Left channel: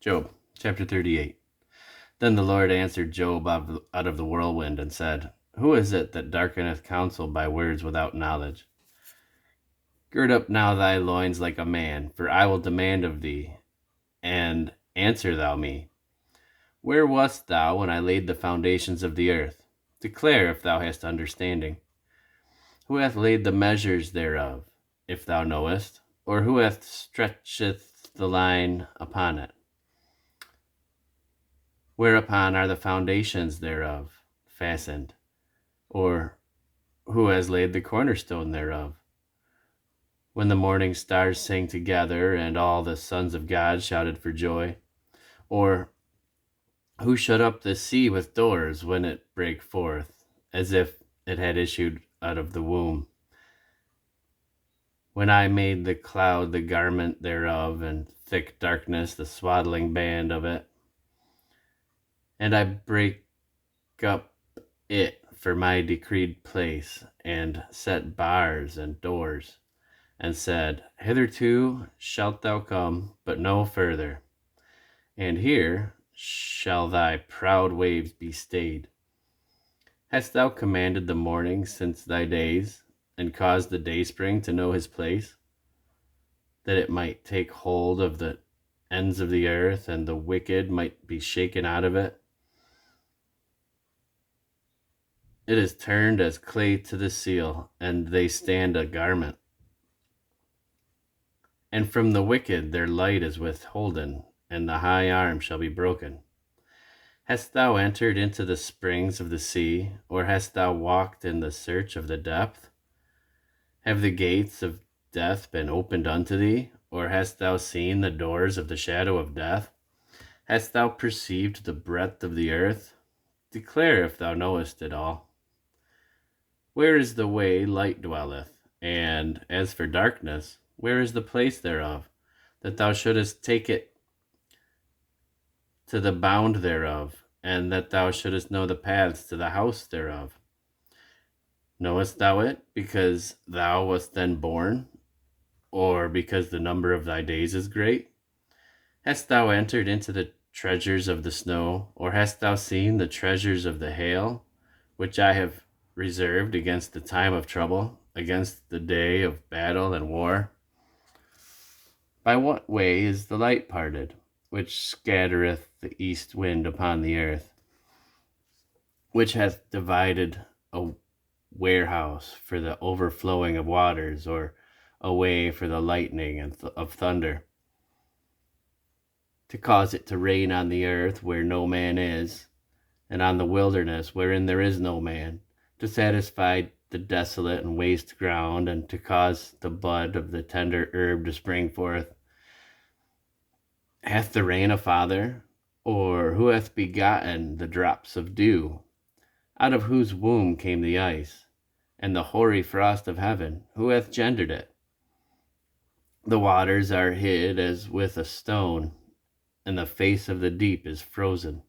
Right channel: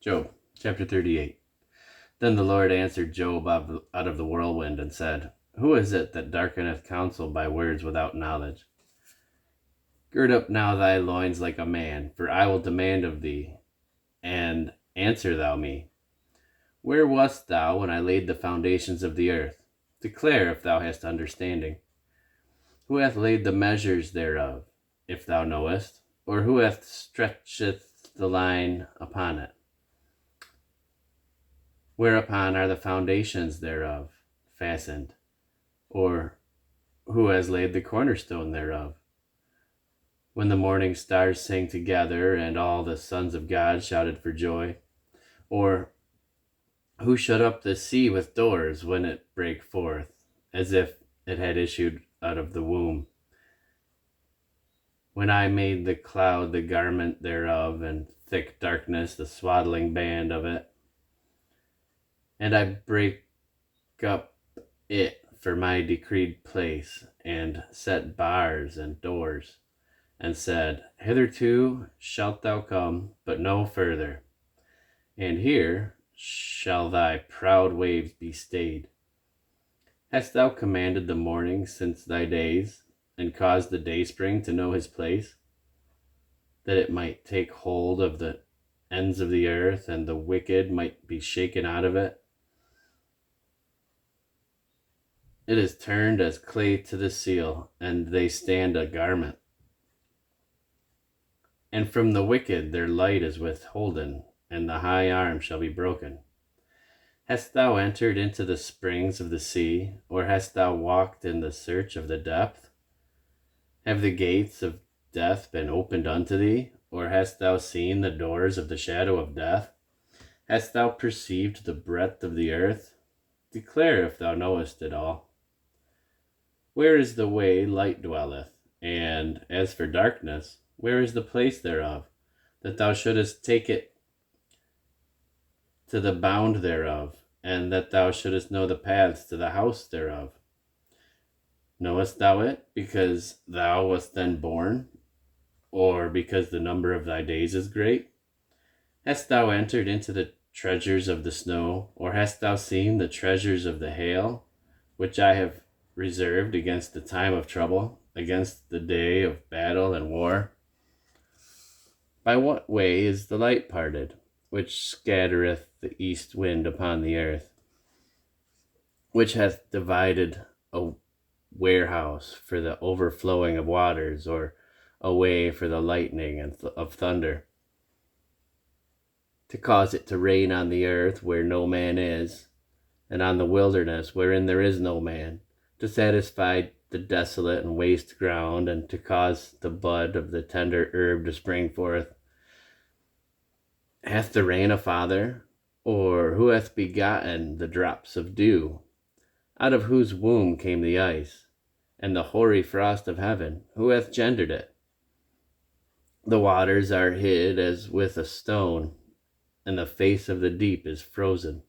Job, chapter 38. Then the Lord answered Job out of the whirlwind and said, Who is it that darkeneth counsel by words without knowledge? Gird up now thy loins like a man, for I will demand of thee, and answer thou me. Where wast thou when I laid the foundations of the earth? Declare if thou hast understanding. Who hath laid the measures thereof, if thou knowest? Or who hath stretcheth the line upon it? Whereupon are the foundations thereof fastened? Or who has laid the cornerstone thereof? When the morning stars sang together, and all the sons of God shouted for joy? Or who shut up the sea with doors when it brake forth, as if it had issued out of the womb? When I made the cloud the garment thereof, and thick darkness the swaddling band of it, and I brake up it for my decreed place, and set bars and doors, and said, Hitherto shalt thou come, but no further, and here shall thy proud waves be stayed. Hast thou commanded the morning since thy days, and caused the dayspring to know his place, that it might take hold of the ends of the earth, and the wicked might be shaken out of it? It is turned as clay to the seal, and they stand a garment. And from the wicked their light is withholden, and the high arm shall be broken. Hast thou entered into the springs of the sea, or hast thou walked in the search of the depth? Have the gates of death been opened unto thee, or hast thou seen the doors of the shadow of death? Hast thou perceived the breadth of the earth? Declare if thou knowest it all. Where is the way light dwelleth? And as for darkness, where is the place thereof, that thou shouldest take it to the bound thereof, and that thou shouldest know the paths to the house thereof? Knowest thou it because thou wast then born, or because the number of thy days is great? Hast thou entered into the treasures of the snow, or hast thou seen the treasures of the hail, which I have reserved against the time of trouble, against the day of battle and war? By what way is the light parted, which scattereth the east wind upon the earth, which hath divided a warehouse for the overflowing of waters, or a way for the lightning of thunder, to cause it to rain on the earth where no man is, and on the wilderness wherein there is no man, to satisfy the desolate and waste ground, and to cause the bud of the tender herb to spring forth? Hath the rain a father? Or who hath begotten the drops of dew? Out of whose womb came the ice, and the hoary frost of heaven? Who hath gendered it? The waters are hid as with a stone, and the face of the deep is frozen.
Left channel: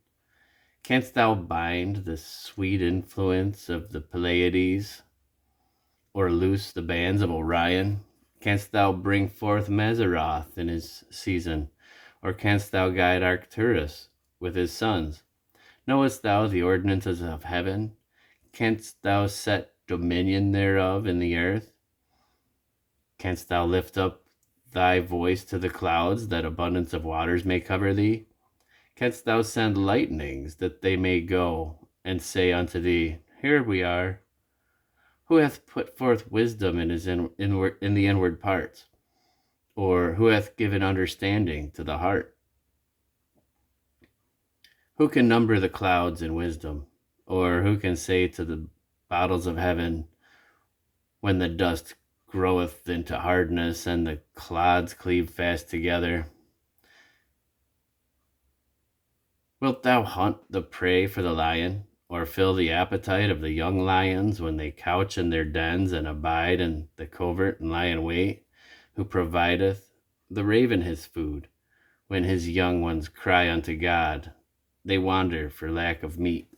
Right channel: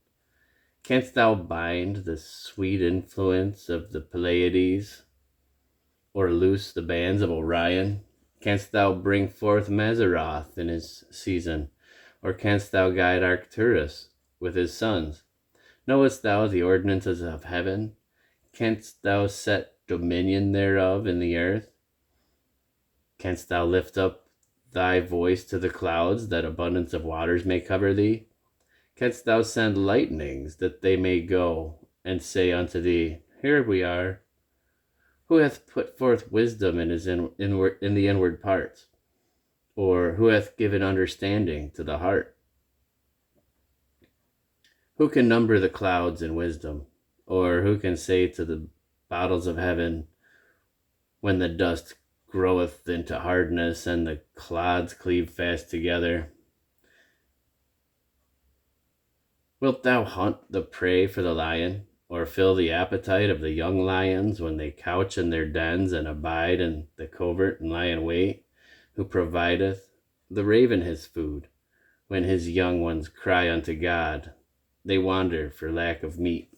Canst thou bind the sweet influence of the Pleiades, or loose the bands of Orion? Canst thou bring forth Mazzaroth in his season, or canst thou guide Arcturus with his sons? Knowest thou the ordinances of heaven? Canst thou set dominion thereof in the earth? Canst thou lift up thy voice to the clouds, that abundance of waters may cover thee? Canst thou send lightnings, that they may go and say unto thee, Here we are? Who hath put forth wisdom in the inward parts? Or who hath given understanding to the heart? Who can number the clouds in wisdom? Or who can say to the bottles of heaven, when the dust groweth into hardness, and the clods cleave fast together? Wilt thou hunt the prey for the lion, or fill the appetite of the young lions when they couch in their dens, and abide in the covert and lie in wait? Who provideth the raven his food, when his young ones cry unto God? They wander for lack of meat.